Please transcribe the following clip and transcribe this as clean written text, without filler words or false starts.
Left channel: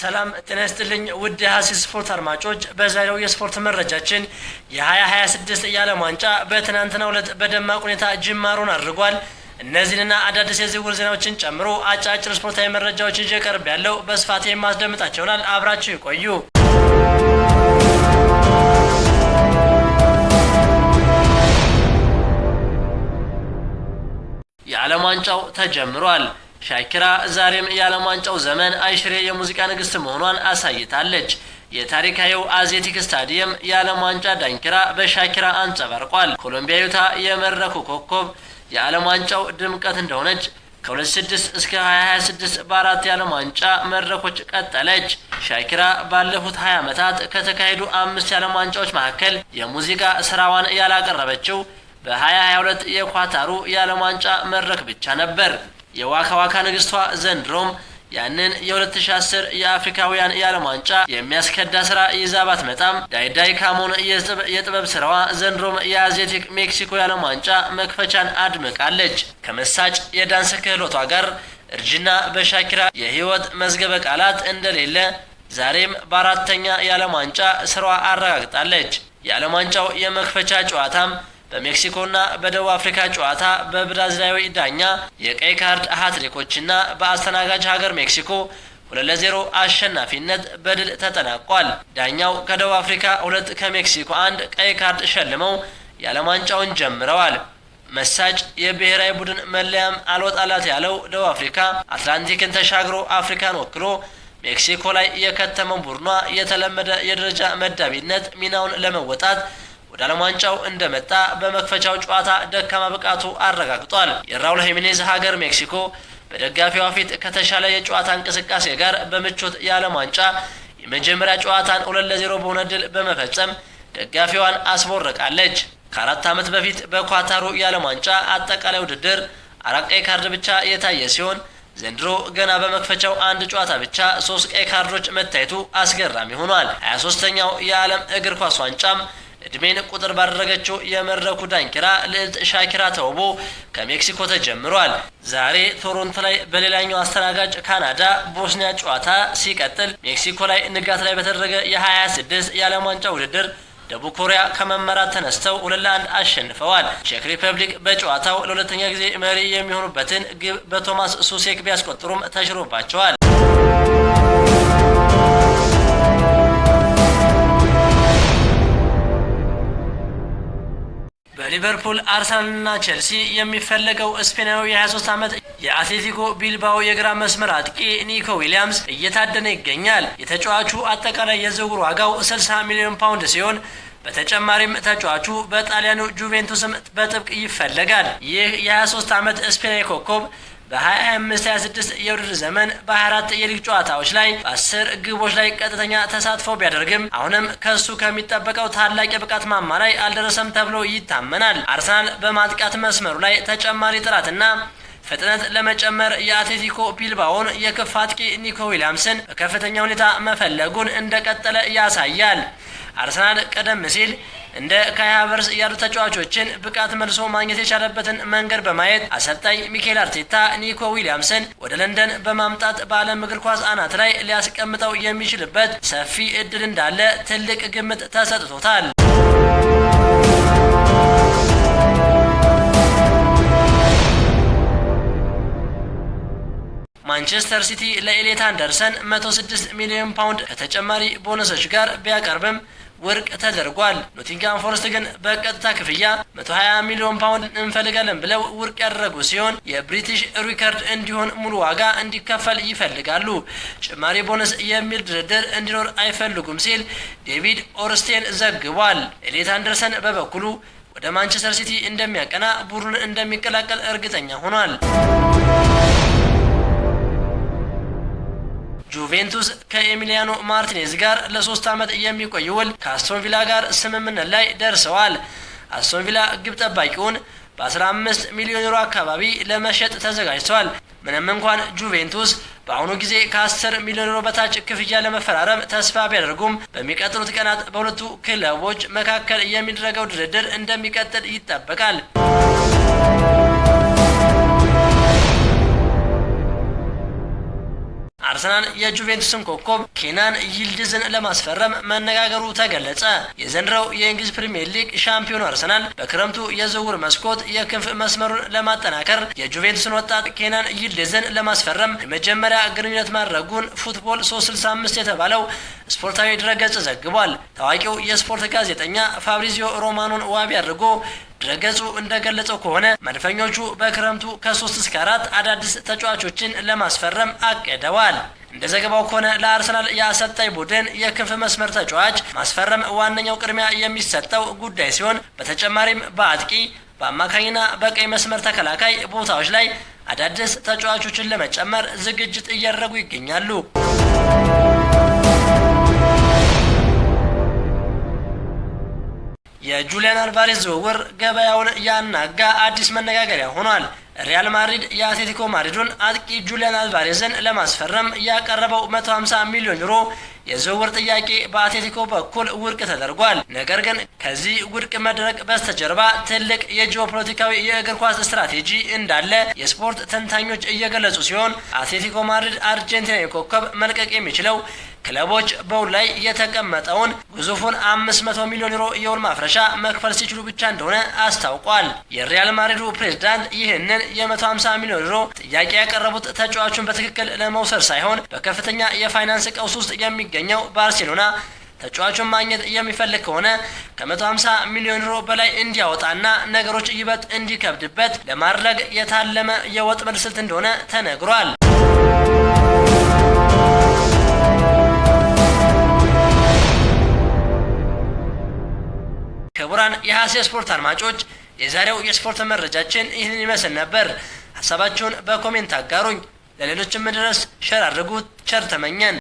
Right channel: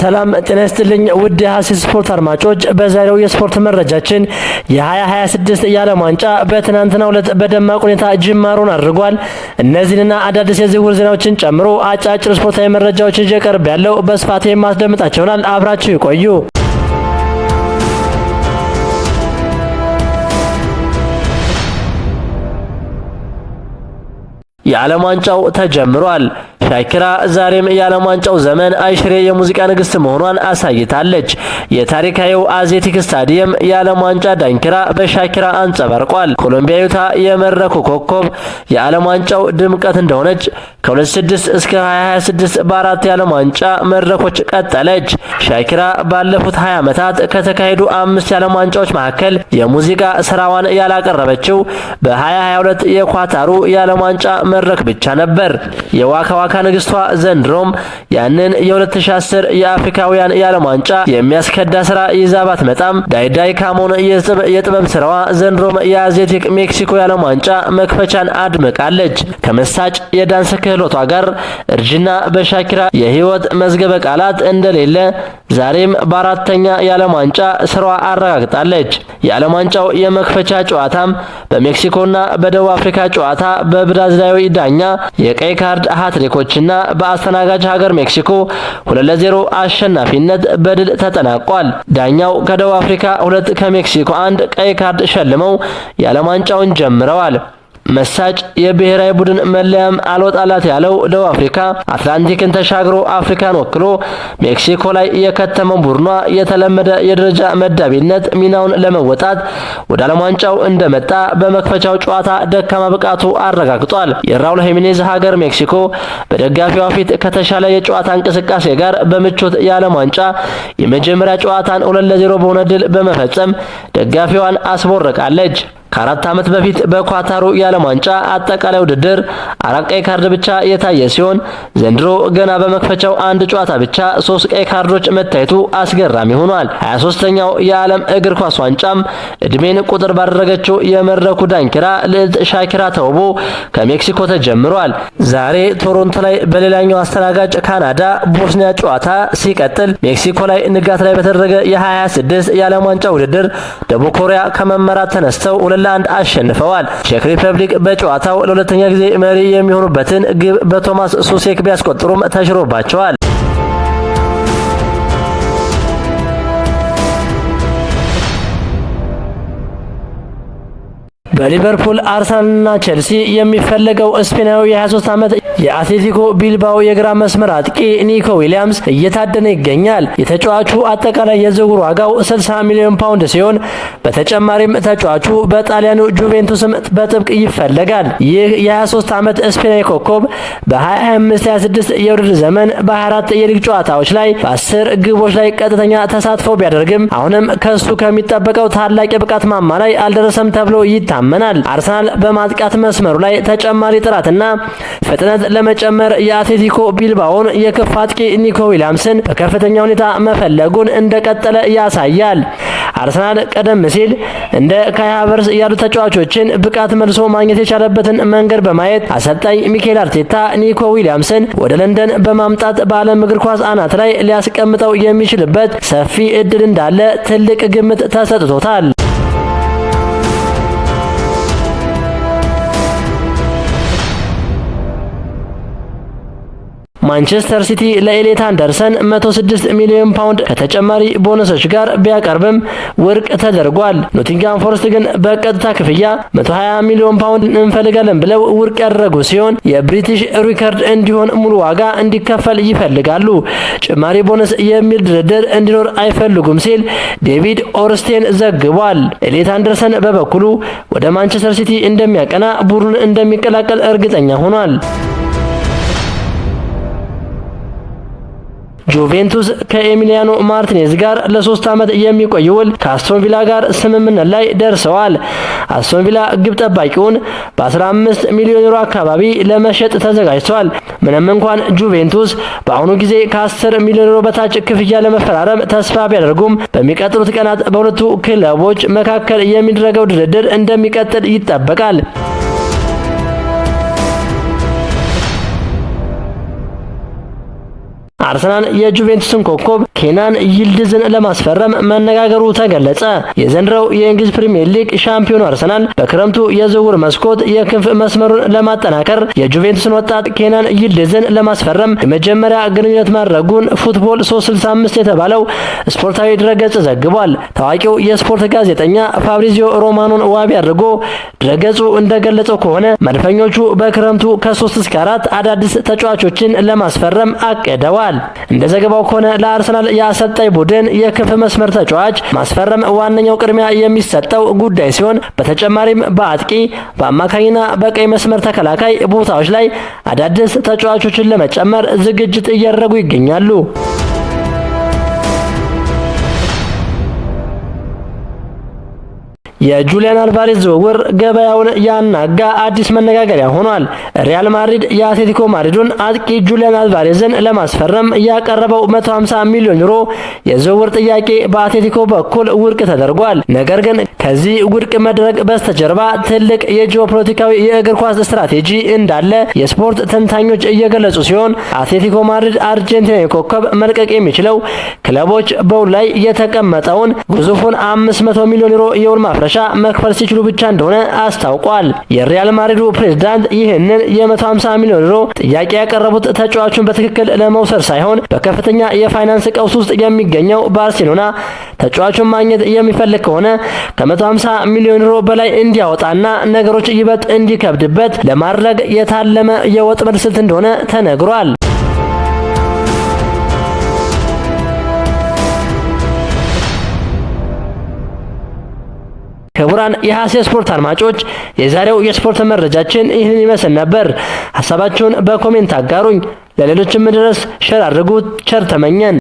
ሰላም ጤና ይስጥልኝ ውድ የሐሲስ ስፖርት አድማጮች፣ በዛሬው የስፖርት መረጃችን የ2026 የዓለም ዋንጫ በትናንትናው ዕለት በደማቅ ሁኔታ ጅማሮን አድርጓል። እነዚህንና አዳዲስ የዝውውር ዜናዎችን ጨምሮ አጫጭር ስፖርታዊ መረጃዎችን ይዤ ቀርቤያለሁ። በስፋት የማስደምጣችሁ ይሆናል። አብራችሁ ይቆዩ። የዓለም ዋንጫው ተጀምሯል። ሻኪራ ዛሬም የዓለም ዋንጫው ዘመን አይሽሬ የሙዚቃ ንግስት መሆኗን አሳይታለች። የታሪካዊው አዜቲክ ስታዲየም የዓለም ዋንጫ ዳንኪራ በሻኪራ አንጸባርቋል። ኮሎምቢያዊቷ የመድረኩ ኮከብ የዓለም ዋንጫው ድምቀት እንደሆነች ከ2006 እስከ 2026 በአራት የዓለም ዋንጫ መድረኮች ቀጠለች። ሻኪራ ባለፉት 20 ዓመታት ከተካሄዱ 5 የዓለም ዋንጫዎች መካከል የሙዚቃ ስራዋን ያላቀረበችው በ2022 የኳታሩ የዓለም ዋንጫ መድረክ ብቻ ነበር። የዋካ ዋካ ንግስቷ ዘንድሮም ያንን የ2010 የአፍሪካውያን የዓለም ዋንጫ የሚያስከዳ ስራ ይዛ ባትመጣም ዳይዳይ ካሞን የጥበብ ስራዋ ዘንድሮም የአዜቲክ ሜክሲኮ የዓለም ዋንጫ መክፈቻን አድምቃለች። ከመሳጭ የዳንስ ክህሎቷ ጋር እርጅና በሻኪራ የህይወት መዝገበ ቃላት እንደሌለ ዛሬም በአራተኛ የዓለም ዋንጫ ስራዋ አረጋግጣለች። የዓለም ዋንጫው የመክፈቻ ጨዋታም በሜክሲኮና በደቡብ አፍሪካ ጨዋታ በብራዚላዊ ዳኛ የቀይ ካርድ ሃትሪኮችና በአስተናጋጅ ሀገር ሜክሲኮ 2-0 አሸናፊነት በድል ተጠናቋል። ዳኛው ከደቡብ አፍሪካ 2 ከሜክሲኮ 1 ቀይ ካርድ ሸልመው የዓለም ዋንጫውን ጀምረዋል። መሳጭ የብሔራዊ ቡድን መለያም አልወጣላት ያለው ደቡብ አፍሪካ አትላንቲክን ተሻግሮ አፍሪካን ወክሎ ሜክሲኮ ላይ የከተመው ቡድኗ የተለመደ የደረጃ መዳቢነት ሚናውን ለመወጣት ወደ ዓለም ዋንጫው እንደመጣ በመክፈቻው ጨዋታ ደካማ ብቃቱ አረጋግጧል። የራውል ሄሚኔዝ ሀገር ሜክሲኮ በደጋፊዋ ፊት ከተሻለ የጨዋታ እንቅስቃሴ ጋር በምቾት የዓለም ዋንጫ የመጀመሪያ ጨዋታን 2-0 በሆነ ድል በመፈጸም ደጋፊዋን አስቦርቃለች። ከ4 ዓመት በፊት በኳታሩ የዓለም ዋንጫ አጠቃላይ ውድድር 4 ቀይ ካርድ ብቻ የታየ ሲሆን ዘንድሮ ገና በመክፈቻው አንድ ጨዋታ ብቻ 3 ቀይ ካርዶች መታየቱ አስገራሚ ሆኗል። 23ኛው የዓለም እግር ኳስ ዋንጫም እድሜን ቁጥር ባደረገችው የመድረኩ ዳንኪራ ልዕልት ሻኪራ ተውቦ ከሜክሲኮ ተጀምሯል። ዛሬ ቶሮንቶ ላይ በሌላኛው አስተናጋጅ ካናዳ ቦስኒያ ጨዋታ ሲቀጥል ሜክሲኮ ላይ ንጋት ላይ በተደረገ የ2026 የዓለም ዋንጫ ውድድር ደቡብ ኮሪያ ከመመራት ተነስተው 2-1 አሸንፈዋል። ቼክ ሪፐብሊክ በጨዋታው ለሁለተኛ ጊዜ መሪ የሚሆኑበትን ግብ በቶማስ ሱሴክ ቢያስቆጥሩም ተሽሮባቸዋል። በሊቨርፑል አርሰናልና ቼልሲ የሚፈለገው ስፔናዊ የ23 ዓመት የአትሌቲኮ ቢልባኦ የግራ መስመር አጥቂ ኒኮ ዊሊያምስ እየታደነ ይገኛል። የተጫዋቹ አጠቃላይ የዝውውር ዋጋው 60 ሚሊዮን ፓውንድ ሲሆን በተጨማሪም ተጫዋቹ በጣሊያኑ ጁቬንቱስም በጥብቅ ይፈለጋል። ይህ የ23 ዓመት ስፔናዊ ኮከብ በ2025-26 የውድድር ዘመን በ24 የሊግ ጨዋታዎች ላይ በ10 ግቦች ላይ ቀጥተኛ ተሳትፎ ቢያደርግም አሁንም ከሱ ከሚጠበቀው ታላቅ የብቃት ማማ ላይ አልደረሰም ተብሎ ይታመናል። አርሰናል በማጥቃት መስመሩ ላይ ተጨማሪ ጥራትና ፍጥነት ለመጨመር የአትሌቲኮ ቢልባኦን የክፍ አጥቂ ኒኮ ዊሊያምስን በከፍተኛ ሁኔታ መፈለጉን እንደቀጠለ ያሳያል። አርሰናል ቀደም ሲል እንደ ካይ ሃቨርትዝ ያሉ ተጫዋቾችን ብቃት መልሶ ማግኘት የቻለበትን መንገድ በማየት አሰልጣኝ ሚኬል አርቴታ ኒኮ ዊሊያምስን ወደ ለንደን በማምጣት በዓለም እግር ኳስ አናት ላይ ሊያስቀምጠው የሚችልበት ሰፊ እድል እንዳለ ትልቅ ግምት ተሰጥቶታል። ማንቸስተር ሲቲ ለኤሊት አንደርሰን 106 ሚሊዮን ፓውንድ ከተጨማሪ ቦነሶች ጋር ቢያቀርብም ውድቅ ተደርጓል። ኖቲንግሃም ፎረስት ግን በቀጥታ ክፍያ 120 ሚሊዮን ፓውንድ እንፈልጋለን ብለው ውድቅ ያደረጉ ሲሆን የብሪቲሽ ሪከርድ እንዲሆን ሙሉ ዋጋ እንዲከፈል ይፈልጋሉ። ጭማሪ ቦነስ የሚል ድርድር እንዲኖር አይፈልጉም ሲል ዴቪድ ኦርስቴን ዘግቧል። ኤሊት አንደርሰን በበኩሉ ወደ ማንቸስተር ሲቲ እንደሚያቀና ቡድኑን እንደሚቀላቀል እርግጠኛ ሆኗል። ጁቬንቱስ ከኤሚሊያኖ ማርቲኔዝ ጋር ለ3 ዓመት የሚቆይ ውል ከአስቶን ቪላ ጋር ስምምነት ላይ ደርሰዋል። አስቶን ቪላ ግብ ጠባቂውን በ15 ሚሊዮን ዩሮ አካባቢ ለመሸጥ ተዘጋጅቷል። ምንም እንኳን ጁቬንቱስ በአሁኑ ጊዜ ከ10 ሚሊዮን ዩሮ በታች ክፍያ ለመፈራረም ተስፋ ቢያደርጉም በሚቀጥሉት ቀናት በሁለቱ ክለቦች መካከል የሚደረገው ድርድር እንደሚቀጥል ይጠበቃል። አርሰናል የጁቬንቱስን ኮከብ ኬናን ይልድዝን ለማስፈረም መነጋገሩ ተገለጸ። የዘንድሮው የእንግሊዝ ፕሪሚየር ሊግ ሻምፒዮኑ አርሰናል በክረምቱ የዝውውር መስኮት የክንፍ መስመሩን ለማጠናከር የጁቬንቱስን ወጣት ኬናን ይልድዝን ለማስፈረም የመጀመሪያ ግንኙነት ማድረጉን ፉትቦል 365 የተባለው ስፖርታዊ ድረገጽ ዘግቧል። ታዋቂው የስፖርት ጋዜጠኛ ፋብሪዚዮ ሮማኖን ዋቢ አድርጎ ድረገጹ እንደገለጸው ከሆነ መድፈኞቹ በክረምቱ ከ3 እስከ 4 አዳዲስ ተጫዋቾችን ለማስፈረም አቅደዋል። እንደ ዘገባው ከሆነ ለአርሰናል የአሰልጣኝ ቡድን የክንፍ መስመር ተጫዋች ማስፈረም ዋነኛው ቅድሚያ የሚሰጠው ጉዳይ ሲሆን በተጨማሪም በአጥቂ በአማካኝና በቀይ መስመር ተከላካይ ቦታዎች ላይ አዳዲስ ተጫዋቾችን ለመጨመር ዝግጅት እያደረጉ ይገኛሉ። የጁሊያን አልቫሬዝ ዝውውር ገበያውን ያናጋ አዲስ መነጋገሪያ ሆኗል። ሪያል ማድሪድ የአትሌቲኮ ማድሪዱን አጥቂ ጁሊያን አልቫሬዝን ለማስፈረም ያቀረበው 150 ሚሊዮን ዩሮ የዝውውር ጥያቄ በአትሌቲኮ በኩል ውድቅ ተደርጓል። ነገር ግን ከዚህ ውድቅ መድረግ በስተጀርባ ትልቅ የጂኦፖለቲካዊ የእግር ኳስ ስትራቴጂ እንዳለ የስፖርት ተንታኞች እየገለጹ ሲሆን አትሌቲኮ ማድሪድ አርጀንቲናዊ ኮከብ መልቀቅ የሚችለው ክለቦች በውል ላይ የተቀመጠውን ግዙፉን 500 ሚሊዮን ዩሮ የውል ማፍረሻ መክፈል ሲችሉ ብቻ እንደሆነ አስታውቋል። የሪያል ማድሪዱ ፕሬዝዳንት ይህንን የ150 ሚሊዮን ዩሮ ጥያቄ ያቀረቡት ተጫዋቹን በትክክል ለመውሰድ ሳይሆን በከፍተኛ የፋይናንስ ቀውስ ውስጥ የሚገኘው ባርሴሎና ተጫዋቹን ማግኘት የሚፈልግ ከሆነ ከ150 ሚሊዮን ዩሮ በላይ እንዲያወጣና ነገሮች ይበልጥ እንዲከብድበት ለማድረግ የታለመ የወጥመድ ስልት እንደሆነ ተነግሯል። ክቡራን የሐሴ ስፖርት አድማጮች የዛሬው የስፖርት መረጃችን ይህንን ይመስል ነበር። ሐሳባችሁን በኮሜንት አጋሩኝ። ለሌሎችም ድረስ ሼር አድርጉት። ቸር ተመኘን።